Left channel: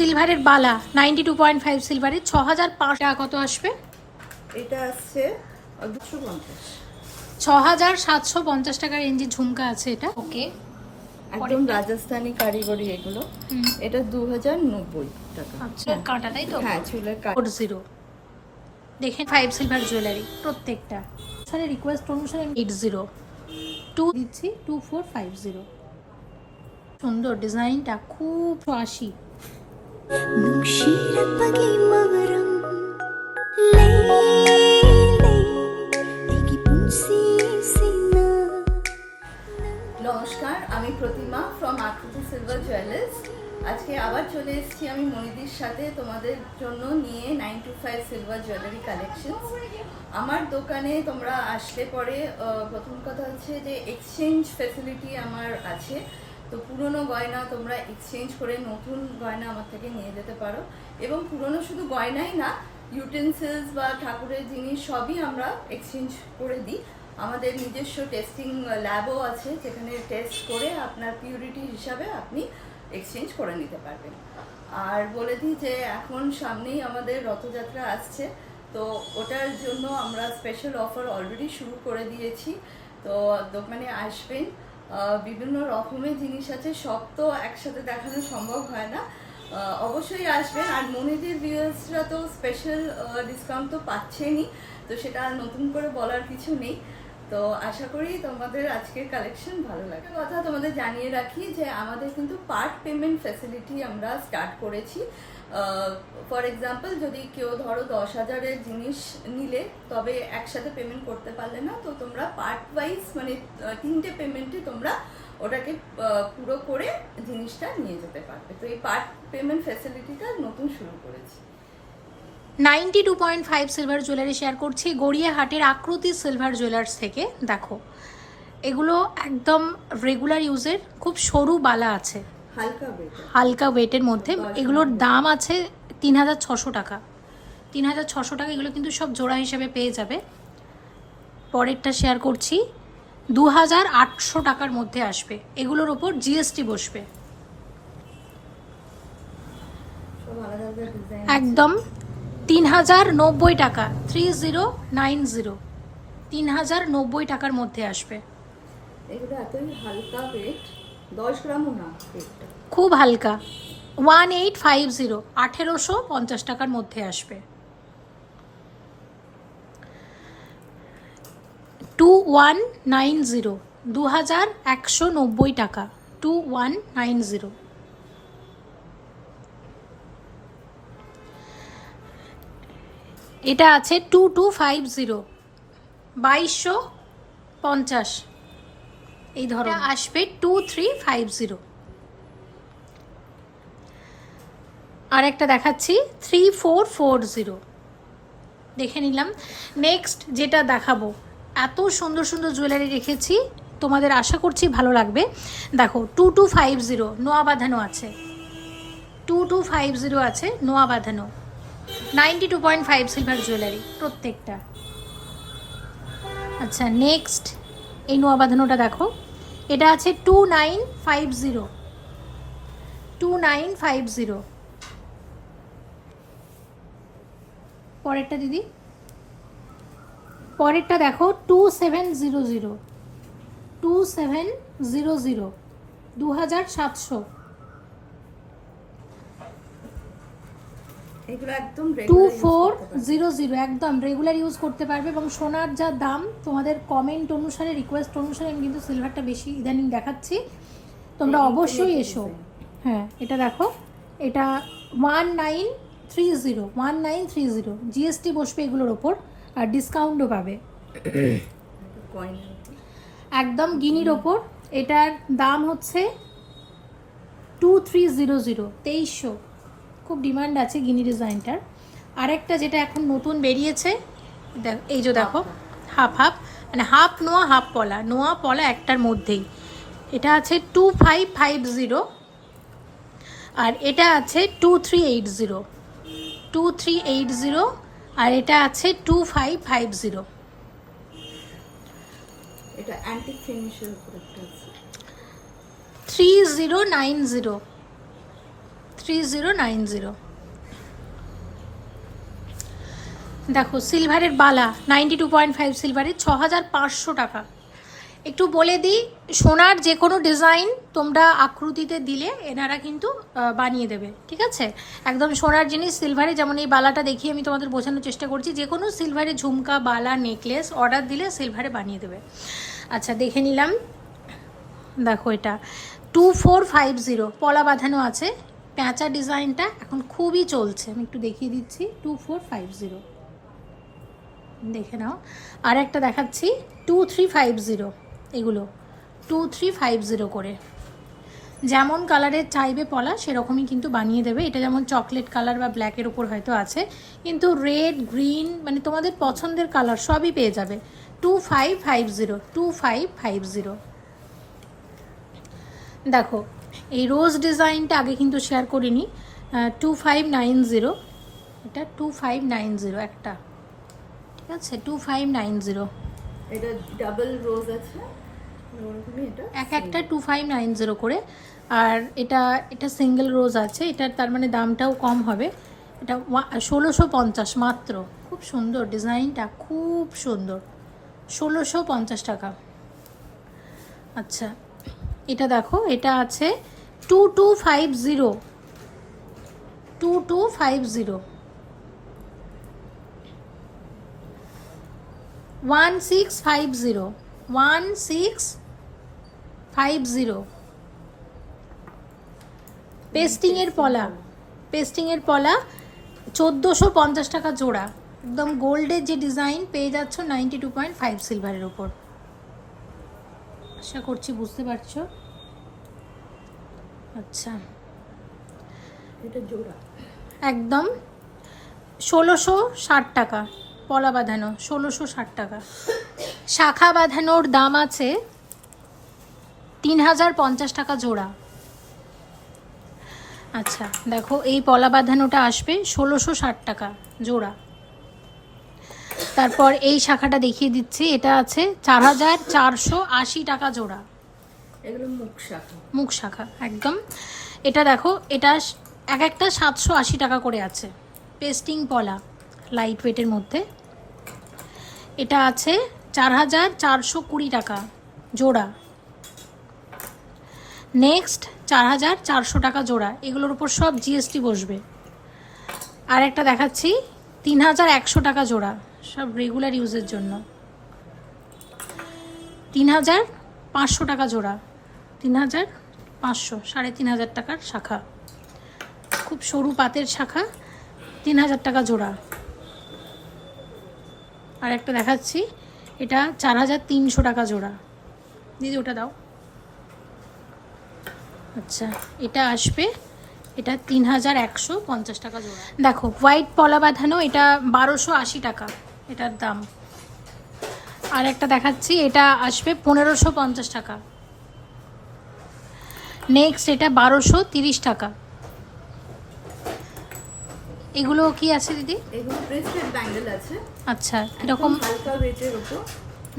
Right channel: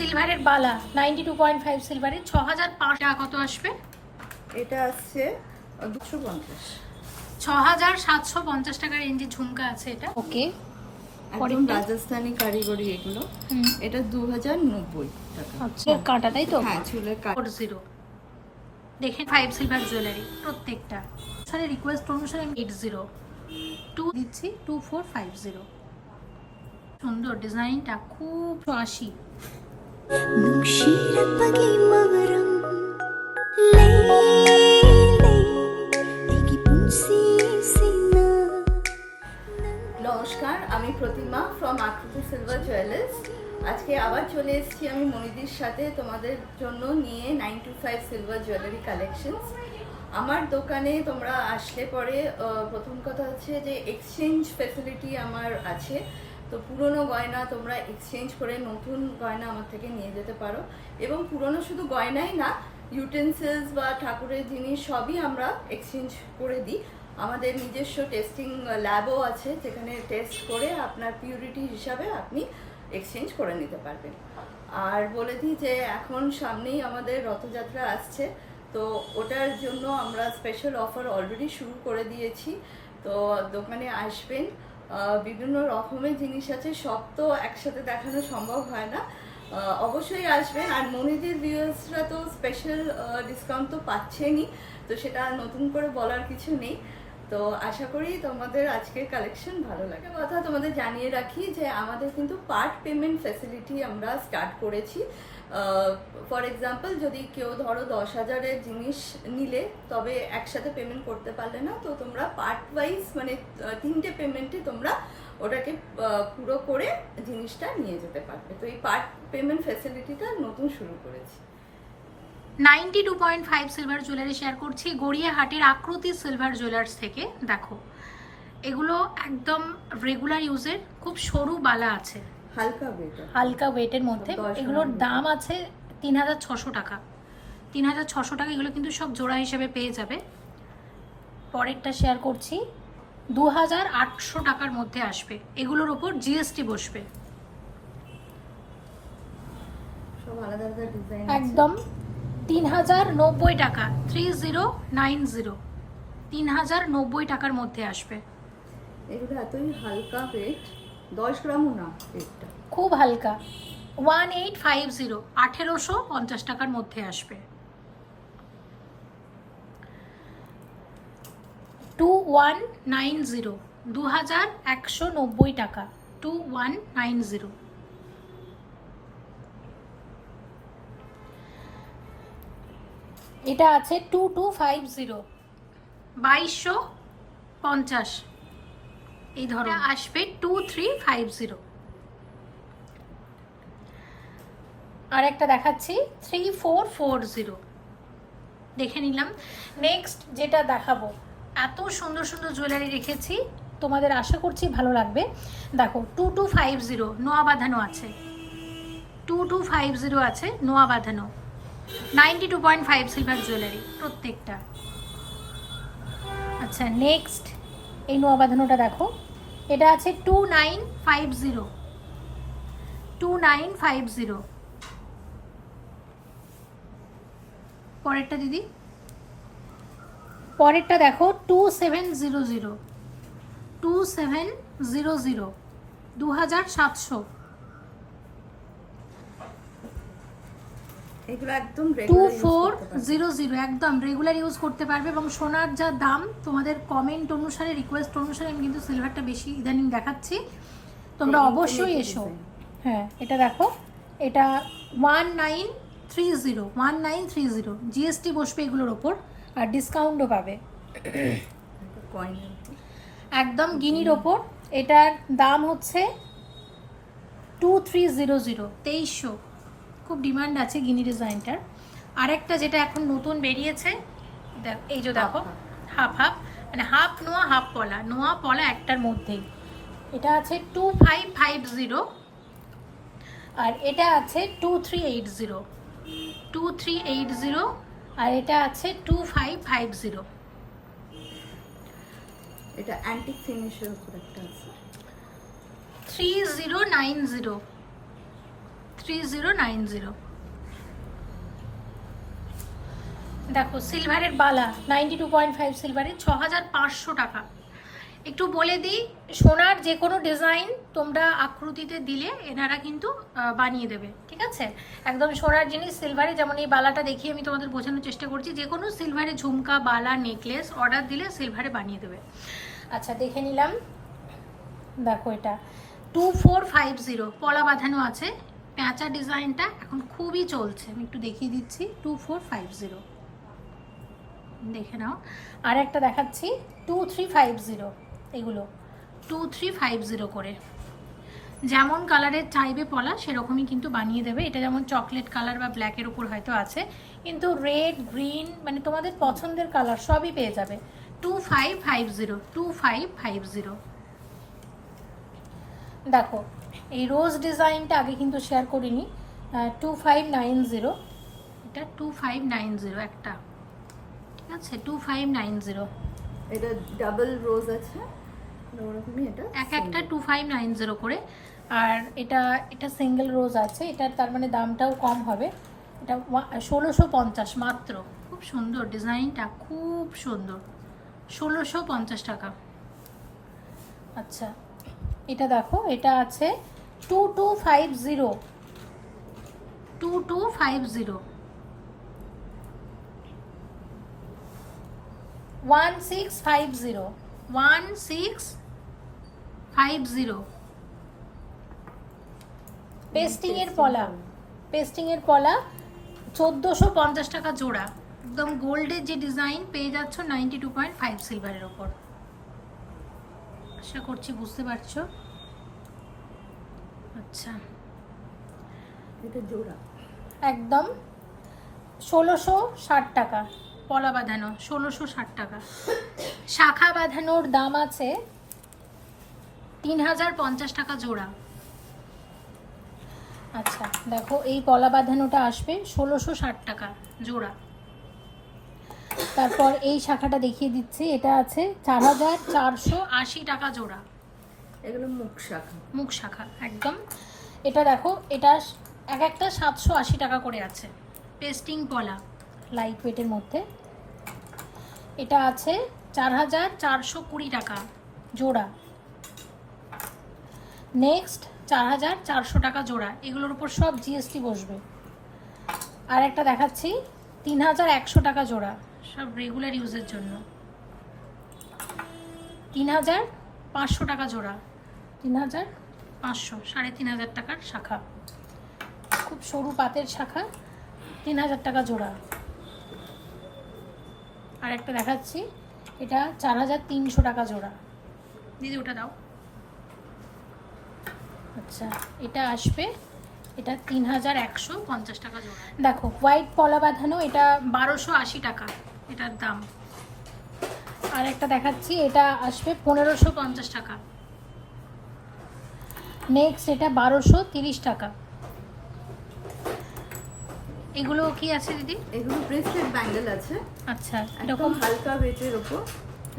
সিলভারের বালা 92.5 সিলভারের 6500 টাকা কত আসবে? এটা আসছে 250। 6750 টাকার রেঞ্জে ঝুমকা আছে এটা। ওকে, একদম রাজস্থানি কারিগরি এগুলো। এটা 2090 টাকা। আচ্ছা, কাঁটা তাই তো? হ্যাঁ, চুলের কাটা। 40 দেখেন 5 সিলভার জুয়েলারি প্রত্যেকটা। সারে রিকোয়েস্ট অনুসারে 80 2 দিচ্ছি 2450। সুন্দর ডিজাইনটা, খুব 80। নমস্কার, আমি প্রতিমা ফ্রম আকৃতি সিলভার জুয়েলার্স। আজকে আবার চলে এসেছি আমি মনিদির সাথে তোমাদের জন্য নিয়ে 925 সিলভার জুয়েলারি কালেকশনস। আমার দোকানে তোমরা আসলে পরে প্রথম কথা হচ্ছে যে এক্সচেঞ্জ ফ্যাসিলিটি আমার আছে। তো পুরনো গয়না তোমরা এক্সচেঞ্জ করে নতুন গয়না আমার থেকে নিয়ে যেতে পারো। এবং পুরনো শুধু গয়নাই না, ইউটেন্সিলস বা ঠাকুরের জিনিস সবই আমরা এক্সচেঞ্জ করে দিই। আমাদের নিজস্ব টেস্টিং ল্যাবও আছে, যেখানে টেস্ট করে আপনার পিউরিটি হিসাবে আপনি এক্সচেঞ্জ করে নিতে পারবেন। আর বলে দিই যে এখন সামনেই আমাদের রথযাত্রা আসছে, তো ওটার জন্য আমরা স্পেশাল অফার অলরেডি শুরু করে দিয়েছি। তো দোকানে আসবেন, বিভিন্ন রকমের জিনিস আছে, সব তো একসাথে দেখানো সম্ভব হয় না। অবশ্যই আসবেন। আর মনিদির ভিউয়ার্সরা তো স্পেশাল ডিসকাউন্ট তো পাচ্ছেনই, তো সেটা আর নতুন করে বলার কিছু নেই। তো আশা করি তোমাদের আজকের কালেকশন ভালো লাগে। কথা তোমাদের জানিয়ে রাখি যে আমাদের কিন্তু পার্ট পেমেন্ট ফ্যাসিলিটি আমরা স্টার্ট করেছি। ফর এক্সাম্পল, যদি কেউ ধরো 10,000-এর জিনিস নিলে, তবে একসাথে পেমেন্ট করতে পারলে না, তো তোমরা পার্ট ওয়াইজ মানে 3টে পেমেন্টে তোমরা ওটাকে পুরো করে জিনিসটা নিয়ে যেতে পারবে। তো এই পার্ট পেমেন্ট ফ্যাসিলিটিটা নতুন শুরু করেছি। 92.5 সিলভার জুয়েলারি শেয়ার করছি গড়িয়াহাটের আকৃতি সিলভার জুয়েলার্স থেকে। দেখো, এগুলো একদম রেগুলার ইউজের, খুব সরু বালা আছে, হালকা ওয়েটের মধ্যে। এগুলোর দাম আছে 3600 টাকা। 3600 টাকা। এগুলো কিন্তু সব জোড়া হিসেবে পেয়ে যাবে। পরেরটা শেয়ার করছি 2800 টাকার মধ্যে আসবে। এগুলোর ওপর জিএসটি বসবে। একদম 3090 টাকা, 3090, 3090 টাকার মধ্যে আসবে। এগুলো এতই হালকা ওয়েট, 10 গ্রামও না, ওয়েটটা খুব হালকা। 1850, 1850 টাকার মধ্যে আসবে। 2190, 2190 টাকা, 2190। এটা আছে 2250, 2250। এই ধরো আসবে 2350। আর একটা দেখাচ্ছি 3440, দেখে নিলাম। নেক্সট যেটা দেখাবো, এত সুন্দর সুন্দর জুয়েলারি রেখেছি, তোমাদের আশা করছি ভালো লাগবে। দেখো 2250 নোয়া বাঁধানো আছে, 2250 আছে নোয়া বাঁধানো। 92.5 সিলভার জুয়েলারি প্রত্যেকটা। আচ্ছা, নেক্সট এই নোয়া বাঁধানোটা দেখো, এটা আছে 2950, 2950। পরেরটা দিদি, পরেরটা দেখো 2700, 2700, 2700। এগুলো একদম 2400 একদম রেগুলার ইউজ করতে পারবে। এবং সোনার যা দাম, তোমাদের কমেন্ট অনুসারে, রিকোয়েস্ট অনুসারে আমি কিন্তু সিলভারটা বেশি ইদানিং দেখাচ্ছি, তোমরা অবশ্যই এসো। হ্যাঁ, এটা দেখো, এটা 1930, 1930, জিএসটি বসবে এগুলোর ওপর, আর ডিসকাউন্টও পাবে একদম গিনির ওপর। এটার দাম হচ্ছে 2300, 2300। খুব ডিমান্ড আছে গিনি ডিজাইনটার। আরেকটা যেটা এখন নতুন বেরিয়েছে, এই যে দেখো, হাফ হাফ, মানে হাফ নোয়া হাফ পলা, নোয়া পলা একটার মধ্যেই। এটা আছে 2550, আর এটা আছে 2380, 2380, আর এটা আছে 2550। এটা অ্যান্টিক ফিনিশের উপর একটা আছে 3090, 3090। দেখো সিলভারের বালা 92.5 সিলভারের 6500 টাকা। একটু বলে দিই, সোনার যে কোনো ডিজাইন তোমরা আকৃতিতে দিলে এনারা কিন্তু বানিয়ে দেবে, ঠিক আছে? একদম সোনার জিনিস সিলভারে, যেমন এই বালাটা দেখিয়ে আমি তোমাদের বোঝানোর চেষ্টা করছি, যে কোনো সিলভারে ঝুমকা, বালা, নেকলেস অর্ডার দিলে সিলভারে বানিয়ে দেবে। আচ্ছা দেখে নিলাম, দেখো এটা 2450 পলা বাঁধানো আছে, প্যাঁচা ডিজাইনটা এখন খুবই চলছে, আমি একটু দেখিয়ে দিচ্ছি। 2450 দেখে নাও। আর একটা দেখাচ্ছি 2350, এগুলো 2350 করে। যেমন কালারের চাইবে পলা সেরকমই কিন্তু বানিয়ে দেবে। এটা যেমন চকলেট কালার বা ব্ল্যাকের ওপর হয়তো আছে, কিন্তু রেড, গ্রিন মানে তোমাদের পছন্দের কালার সবই পেয়ে যাবে। 2550। দেখো এই রোজ ডিজাইনটা আগে কিন্তু শেয়ার করিনি, 2590, এটা 2590 একটা, ঠিক আছে? 2590, এটা ডাবল রোজ আছে, ওরকমই এটা এক একটা 2590 করে। আর এটা সিঙ্গেল রোজ আছে, এটার তার মানে দামটাও কম হবে। এটা 1650 মাত্র। খুব সুন্দর ডিজাইনটা, খুব সুন্দর, 1650 টাকা। আচ্ছা এটা দেখো, এটা আছে 2250, 2250, 1650, 1650। পেস্টিংয়ের পলা, পেস্টিংয়ের পলা 1450 টাকা জোড়া। একদম গোল্ডের যে ডিজাইন পেয়ে যাচ্ছ 92.5 সিলভারের উপর। আশা করছি বুঝতে পারছো। আচ্ছা এটা জোড়া একদম 1660 টাকা পলা বাঁধানো, 1660 টাকা। শাখা বাঁধানোর দাম আছে 3050 টাকা জোড়া। আচ্ছা দেখো এই পলা বাঁধানোটা আসবে 1660 টাকা জোড়া। তারপর এই শাখাটা দেখিয়ে দিচ্ছি, এটা আছে 4480 টাকা জোড়া। এগুলো মুখ শাখা, মুখ শাখা একদম। এটা দেখো, এটা এক একটা 780 টাকা করে আছে, পেস্টিং পলা লাইট ওয়েটের মধ্যে। এটা আছে 4420 টাকা জোড়া। নেক্সট 4400 টাকা জোড়া, এগুলোর উপর সব জিএসটি বসবে। আর একটা দেখাচ্ছি 3100 টাকা জোড়া, সব রেগুলার ইউজের জন্য। 3500 টাকা জোড়া, 3500, 3500 টাকার শাখা, খুব সরু পাতের শাখা, 3000 টাকা জোড়া। আর একটা দেখাচ্ছি, এটা 4300 টাকা জোড়া। দিদি ওটা দাও। আচ্ছা এটা আসবে, এটা 3150 টাকা জোড়া। দেখো হোয়াইট পলা বাঁধানো, এটা 1280 টাকা এটার দাম। আর একটা দেখাচ্ছি, এটা আসবে 1550 টাকা। নেক্সট এটা 1230 টাকা। এগুলো কি আছে দিদি? এগুলো ব্রেসলেট ব্যাঙ্গেল আছে। আচ্ছা এরকম হালকা ওয়েটের উপর।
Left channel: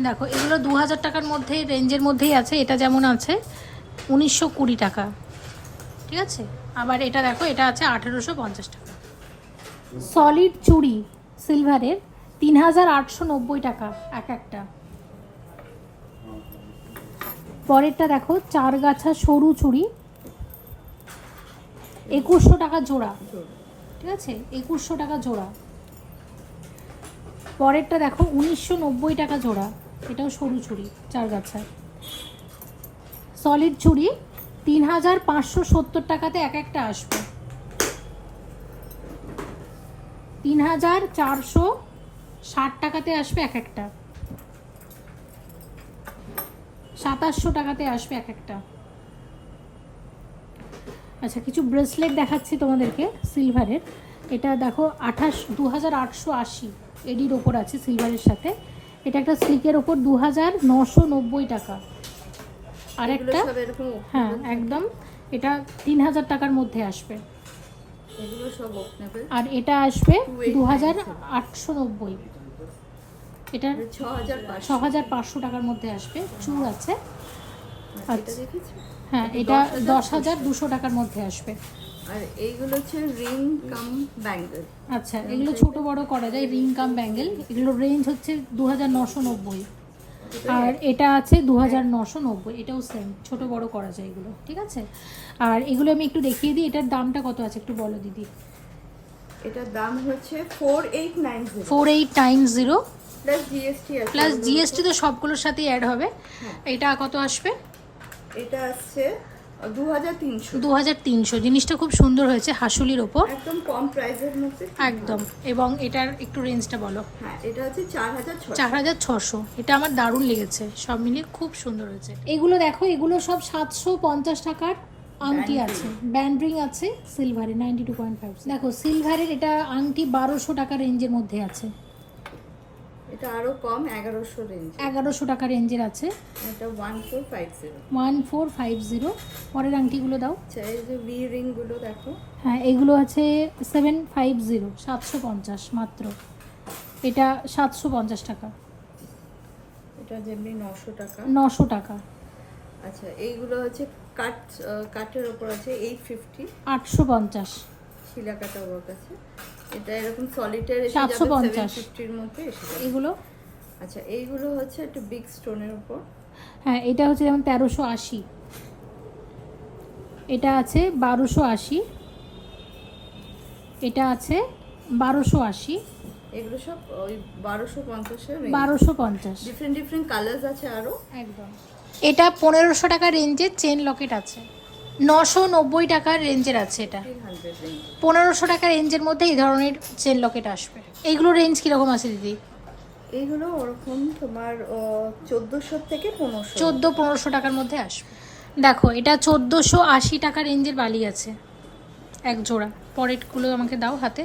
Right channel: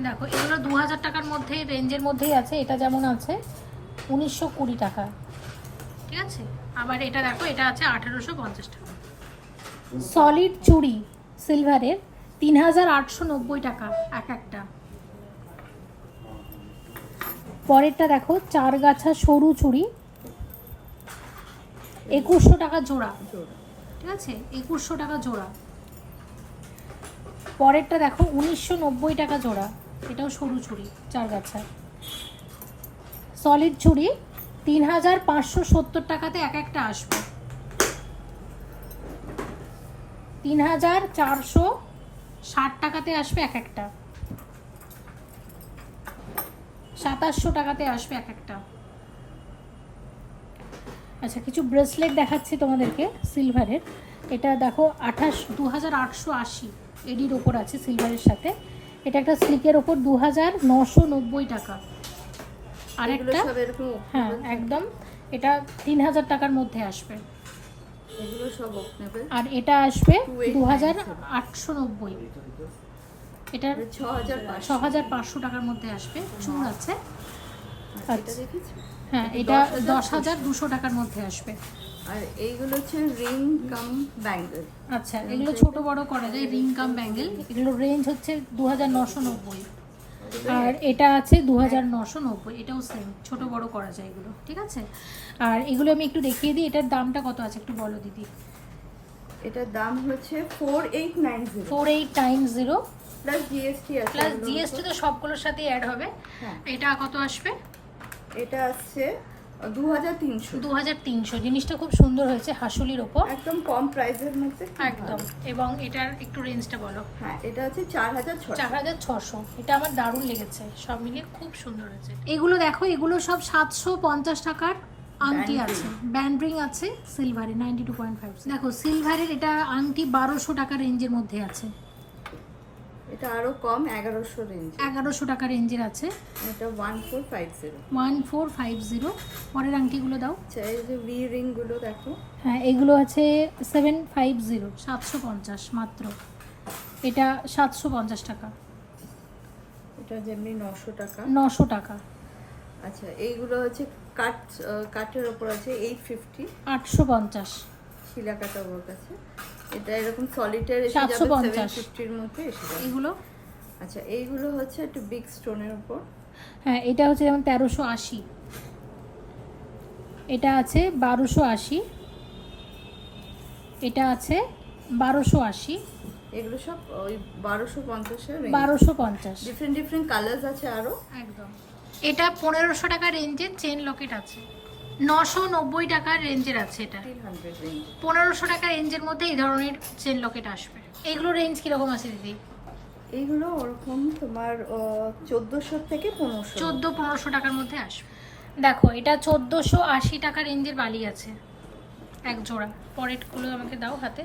দেখো এগুলো 2000 টাকার মধ্যে, রেঞ্জের মধ্যেই আছে। এটা যেমন আছে 1920 টাকা, ঠিক আছে? আবার এটা দেখো, এটা আছে 1850 টাকা। সলিড চুড়ি সিলভারের 3890 টাকা এক একটা। পরেরটা দেখো, চার গাছা সরু চুড়ি 2100 টাকা জোড়া, ঠিক আছে? 2100 টাকা জোড়া। পরেরটা দেখো 1990 টাকা জোড়া, এটাও সরু চুড়ি চার গাছা। সলিড চুড়ি 3570 টাকাতে এক একটা আসবে। 3460 টাকাতে আসবে এক একটা। 2700 টাকাতে আসবে এক একটা। আচ্ছা কিছু ব্রেসলেট দেখাচ্ছি তোমাদেরকে সিলভারের। এটা দেখো 2880 এডির ওপর আছে সিলভারের সাথে। এটা একটা স্লিকের ওপর 2990 টাকা। আর একটা হ্যাঁ একদম, এটা 3000 টাকার মধ্যে আসবে। এগুলো সব ওপেনেবল। আর এটা আসবে 2890, এটা 6500 টাকার মধ্যে আসবে। চূড় আছে, এটা দেখেছি। হ্যাঁ এটা 10200 টাকার মধ্যে আসবে। আর এইগুলো হচ্ছে রিং কাম ব্যাঙ্গেল। আচ্ছা, এগুলো ছোট বড় করা যায়, রিং কাম ব্যাঙ্গেল। এগুলো রেঞ্জ হচ্ছে 2990, আর এটা আছে 2990। এটাও সেম, ছোট বড় করা যায় এগুলো, ঠিক আছে। আর এগুলো আমি একটু দেখিয়ে দিই, এটার দামটা কত আছে একটু বলো দিদি। এটার দাম হচ্ছে 4890 4890 প্লাস জিএসটি আছে। প্লাস জিএসটি তো সবগুলোর সাথেই অ্যাড হবে। হ্যাঁ, এটা কত আসবে? এটা আসছে 2300। 2300। জিনিসটা খুব সুন্দর হয়েছে, হাসুলির উপর, একদম কম প্রাইসের মধ্যে, একদম। এবং এটার একটু রেঞ্জটা বলো। হ্যাঁ, এটা হচ্ছে 4600। 4600। এটা আমার দারুণ লেগেছে, সব মিলিয়ে খুব সুন্দর হয়েছে। এগুলো দেখো, এগুলো সব 750 টাকার আংটি আছে, ব্যান্ড রিং আছে সিলভারে 92.5। দেখো সিলভারের এটা আংটি 1200 টাকা রেঞ্জের মধ্যে আছে। এটা আরো কম 1100 রেঞ্জ, 1100 টাকা রেঞ্জের আছে। এটা 1450। 1450। পরের আংটিগুলো দাও। আচ্ছা, এই যে ভি রিং গুলো দেখো। হ্যাঁ, এগুলো আছে 750, 750 মাত্র। এটা 750 টাকা। এটা যেমনি 900 টাকা। 900 টাকা। আচ্ছা, এইগুলো হচ্ছে কাঠের উপর আছে 850। 850। শিলা কাটা ওয়ার্ক আছে। এটা এরকম সলিটার এসে যাবে 750 এর মধ্যে এসে যাবে এগুলো। আচ্ছা, এইগুলো হচ্ছে একটু বিগ স্টোনের উপর। হ্যাঁ, এটা হচ্ছে যেমন 1380। এটা আছে 1280। এটা আছে 1280। এগুলো সব ওই 1250 এর রেঞ্জ। 1250। ডিফারেন্ট ডিফারেন্ট কালারস আছে আরো। একদম। এটা 1500 টাকা রেঞ্জের চেন লকেট আছে। 990 টাকার রেঞ্জের আছে এটা। 300 রেঞ্জ। 1500 টাকা রেঞ্জের মধ্যে এই ধরনের চেন লকেট আসবে। এইগুলো রেঞ্জ কিরকম আছে দিদি? এইগুলো ওরকম তোমার 1400 থেকে 1500। 1400-1500 টাকার মধ্যে আসবে। দেখো, এটা 1480 টাকা রেঞ্জের বালি আছে এক জোড়া। পরেরগুলো আমাকে দাও হাতে।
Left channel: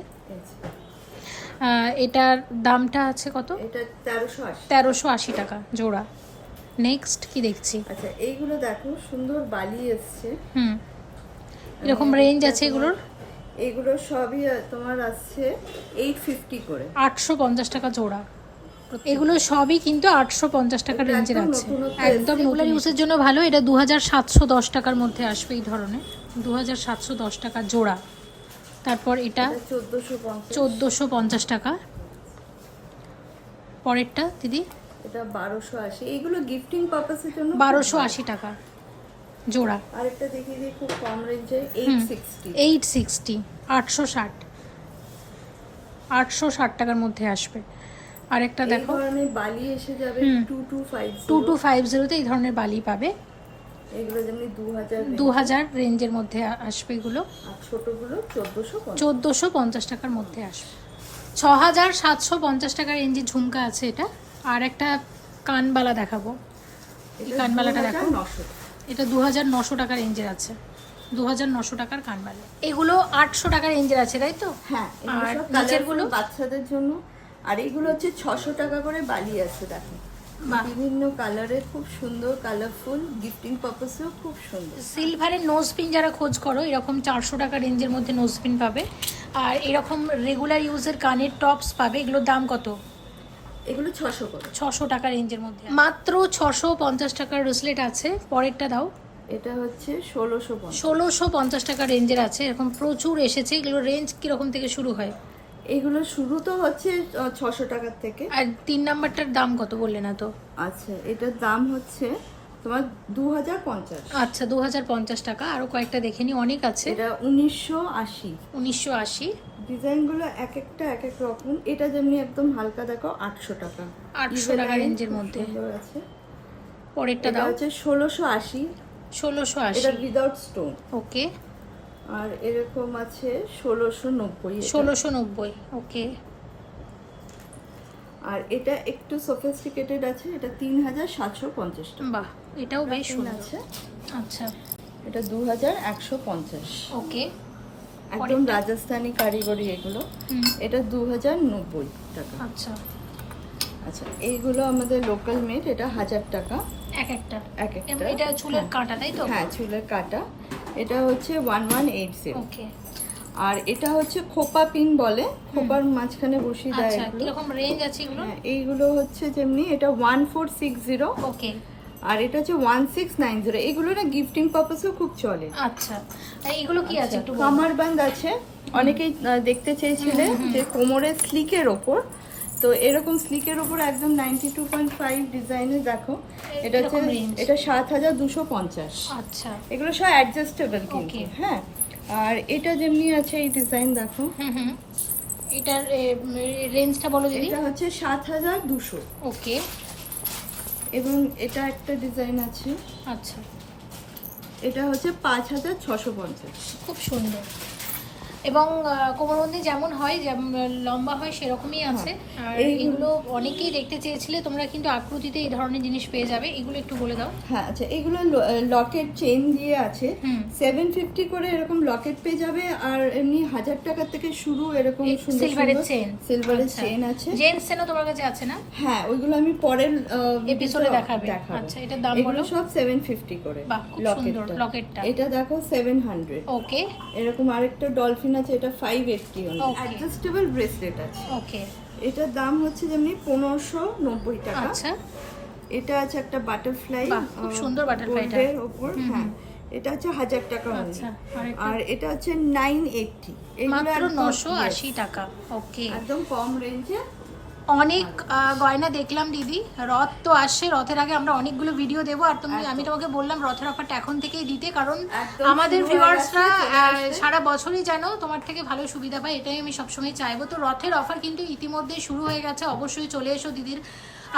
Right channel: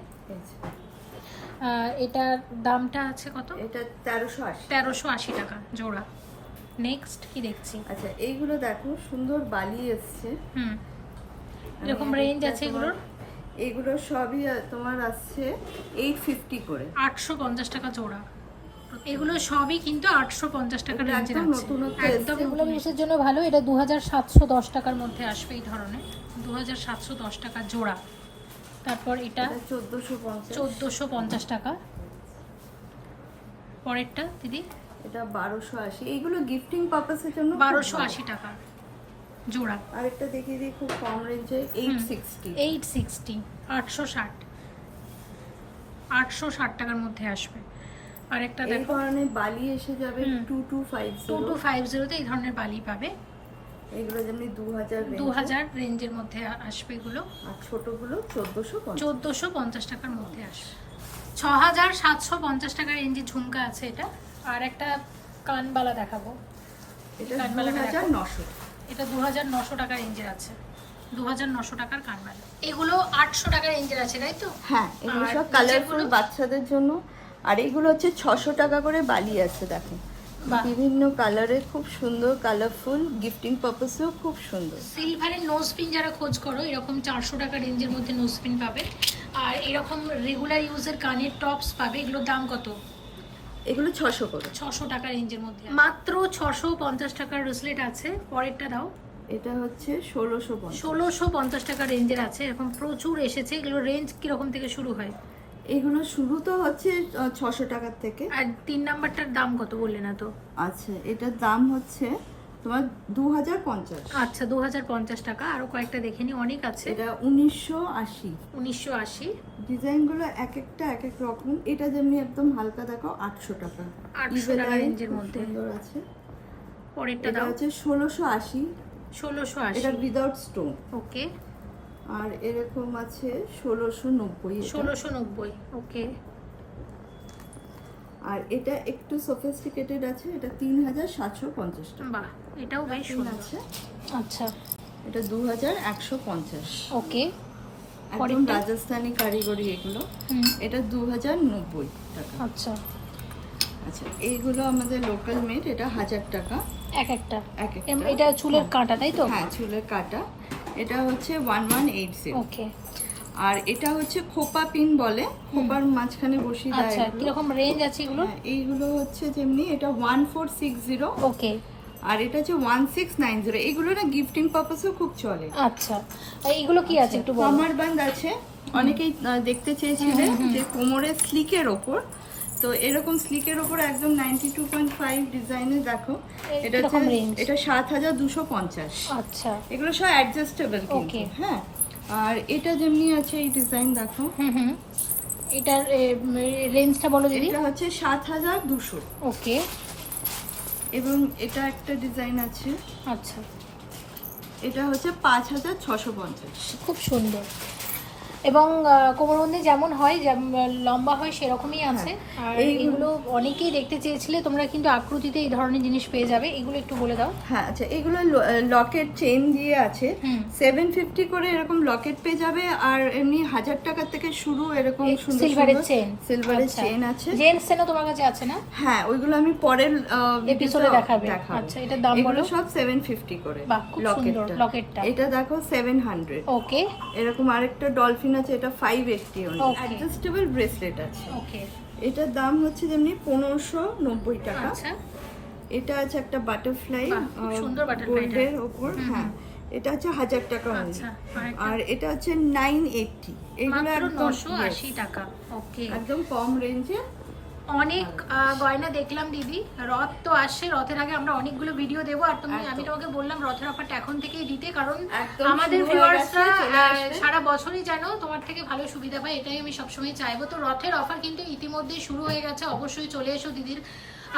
এটার দামটা আছে কত? এটা 1380। 1380 টাকা জোড়া। নেক্সট কি দেখছি? আচ্ছা, এইগুলো দেখো সুন্দর বালি এসছে। এরকম রেঞ্জ আছে এগুলোর? এগুলো সবই তোমার আসছে 850 করে। 850 টাকা জোড়া। এগুলো সবই কিন্তু 850 টাকা রেঞ্জের আছে। একদম নতুন ইউজের জন্য ভালো। এটা 2710 টাকার মধ্যে আসবে এই ধরনের। 2710 টাকা জোড়া। তারপর এটা 1450 টাকা। পরেরটা দিদি? এটা 1280। এগুলো গিফটিং পারপাসের জন্য 1280 টাকা জোড়া। আরেকটা দেখিয়ে দিই খুব কম রেঞ্জে 860। 860 860 860 টাকার মধ্যে আসবে। আরেকটা দেখো, এই ধরনের বালি এসে যাবে 2250। 2250 তে এই ধরনের বালি পাবে। এগুলো যেমনি 2000 রেঞ্জের মধ্যে আসবে এগুলো। আর ছোটগুলো 1450 টাকার মধ্যে আসবে। 6750 টাকা রেঞ্জের ঝুমকা আছে এটা। আর একটা কানবালা দেখাবো। এটা 2900। এটা 2900 টাকা রেঞ্জের আছে। 2900 টাকার কানবালা। এগুলো 800 টাকা রেঞ্জের আছে, তাই তো? হ্যাঁ, এগুলো সব কালারফুল বাচ্চাদের জন্য। আর এগুলো হচ্ছে 600 টাকা করে বালি আছে দেখো। বিভিন্ন কালারের, খুব সুন্দর কালারফুল, গিফটিং পারপাসেও খুব সুন্দর। সিলভারের নোজ পিন যারা খোঁজ করো, এরকম 400 টাকা রেঞ্জের মধ্যে নোজ পিন পাবে। আর এরকম রেগুলার ইউজের কানের টপস পাবে। এগুলোর দাম কত? এগুলো 600 করে। 600 টাকা রেঞ্জের মধ্যে মাত্র 650 টাকার ব্রেসলেট আছে। পরেরটা দাও। এটা হচ্ছে 1650। 1650 টাকা রেঞ্জের আছে। এরকম প্রচুর এসেছে। এগুলো রেঞ্জ কিরকম থেকে শুরু হয়? এগুলো শুরু তো হচ্ছে 600 টাকার থেকে। আর 3 নাম্বারটার দাম কত বললে না তো? আচ্ছা, এটার দাম হচ্ছে তোমার 2050। আচ্ছা, 2050 টাকা। আরো কয়েকটা দেখে নি, অনেক আছে। এটা 1980। 1980। ডিজাইনগুলো এক একটা এক এক রকম। এটা যেমনি একদম হালকা দেখো 800 টাকা। 800 টাকা রেঞ্জের মধ্যে আছে। পরেরটা এটা দাও। হচ্ছে 1680। 1680। এটা উইদাউট স্টোন। ওকে। আর এরকম আছে 1690। 1690। ওকে। আর এটা একটু সফিস্টিকেটেড আছে। এটা 3750 টাকা। বাহ, এটাও বেশ সুন্দর আছে। আচ্ছা, এটা 2150। ওকে। একদম রাজস্থানি কারিগরি এগুলো। এটা 2090 টাকা। আচ্ছা আচ্ছা, এইগুলো আমাদের লোকাল মেড। এটা 1000 টাকা এক একটা। এক একটা। এটা চুলের কাঁটা, তাই তো? হ্যাঁ, চুলের কাঁটা। এটা হচ্ছে 1180। ওকে। আর এটা হচ্ছে খোপা পিন বলে, খোপার মাঝখানে বসিয়ে দেয় আচ্ছা, এগুলো। এরকম রেঞ্জ আছে এগুলো? হ্যাঁ, এইগুলো হচ্ছে যেমনি এটা 1460। ওকে। আর এটা হচ্ছে 1690। এগুলো না গিফটিং পারপাসেও খুব চলে। আচ্ছা, আর এগুলো কি আছে একটু বলো। কামার বান্দ আছে, অনেকেই দেখতে চেয়েছিলেন যে কোমরের স্লিকের ওপর, তো এরকম স্লিকের ওপর একদম 92.5 ডিজাইনে দেখো। এটা হচ্ছে, এটা 7250। আচ্ছা, এগুলো সব অ্যাডজাস্টেবল কিন্তু। হ্যাঁ, আর এটা যেমনি আছে এই ডিজাইন দেখো। এটার রেঞ্জটা বলো দিদি। এটা হচ্ছে 7200। ওকে, এবং এটা একটা ডিজাইন আছে। আচ্ছা, এটা হচ্ছে 5650। খুব সুন্দর। এবং কোমরবন্দি যেমন হয়, যেমন লম্বা হয় সেরকমই আছে। আর এইগুলো অনেকেই দেখতে চেয়েছিলে, তোমরা কিন্তু আকৃতিতে এই ধরনের জিনিস পেয়ে যাবে। এগুলো একটু বলে দাও। হ্যাঁ, আচ্ছা, এগুলো লকেট চেইন দিয়ে আছে। 750 করে এরকম লকেট পেয়ে যাবে। আর এমনি 1000 টাকা থেকে শুরু এরকম সুন্দর সিলভারের চেন, সিলভারের চেন আছে। জেন্টস চেনও তোমার কাছে আছে না? হ্যাঁ, ওইগুলো আমি পরের এপিসোডে দেখাবো। আচ্ছা, এটার দাম এগুলো সব 750 করে লকেটটা। এটা দেখো 700। ওকে, এরকম আরেকটা ডলফিন আছে, এটা 580 অনলি। অ্যাডজাস্টেবল ব্রেসলেট আছে। ওকে, এটার দাম হচ্ছে যেমনি 1590 টাকা। আচ্ছা, এটা আছে একটা বাটারফ্লাই, খুব সুন্দর বাটারফ্লাইটা গোল্ডের উপর। হ্যাঁ, এটা হচ্ছে 1000 টাকা অনলি। আচ্ছা, আর এটা হচ্ছে 980। এগুলো মাত্র একদম 980 টাকা। ওকে, একদম কম রেঞ্জে। অনেক গয়না দেখলাম দিদি। রথ তো আসছে, রথের আগে আমরা অনেকগুলো ভিডিও দেবো। আর আমি তোমাকে বললাম রথের অফারটা এখন থেকেই দিতে, কারণ আমাদের ভিউয়ার্সরা সারা বছরই যেন তোমার থেকে ভালো সুবিধা পায়, এটাই আমি সবসময় চাইবো। তো রথের অফার কিন্তু ইতিমধ্যে শুরু হয়ে গেছে। অবশ্যই চলে এসো দিদির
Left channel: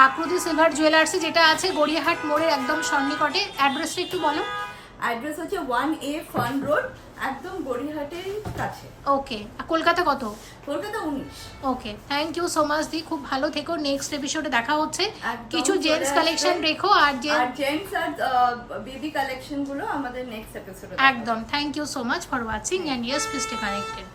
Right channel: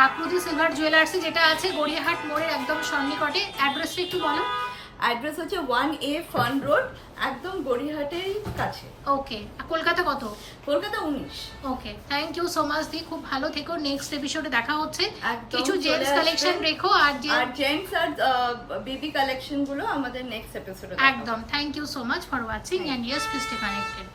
আকৃতি সিলভার জুয়েলার্সে, যেটা আছে গড়িয়াহাট মোড়ের একদম সন্নিকটে। অ্যাড্রেসটা একটু বলো। অ্যাড্রেস হচ্ছে 1A ফান রোড, একদম গড়িয়াহাটের কাছে। ওকে, কলকাতা কত? কলকাতা 19। ওকে, থ্যাংক ইউ সো মাচ দি, খুব ভালো থেকো। নেক্সট এপিসোডে দেখা হচ্ছে। কিছু জেন্টস কালেকশন রেখো, আর জেন্টস আর বেবি কালেকশন গুলো আমাদের নেক্সট এপিসোডে। একদম, thank you so much for watching, and yes, please stay connected.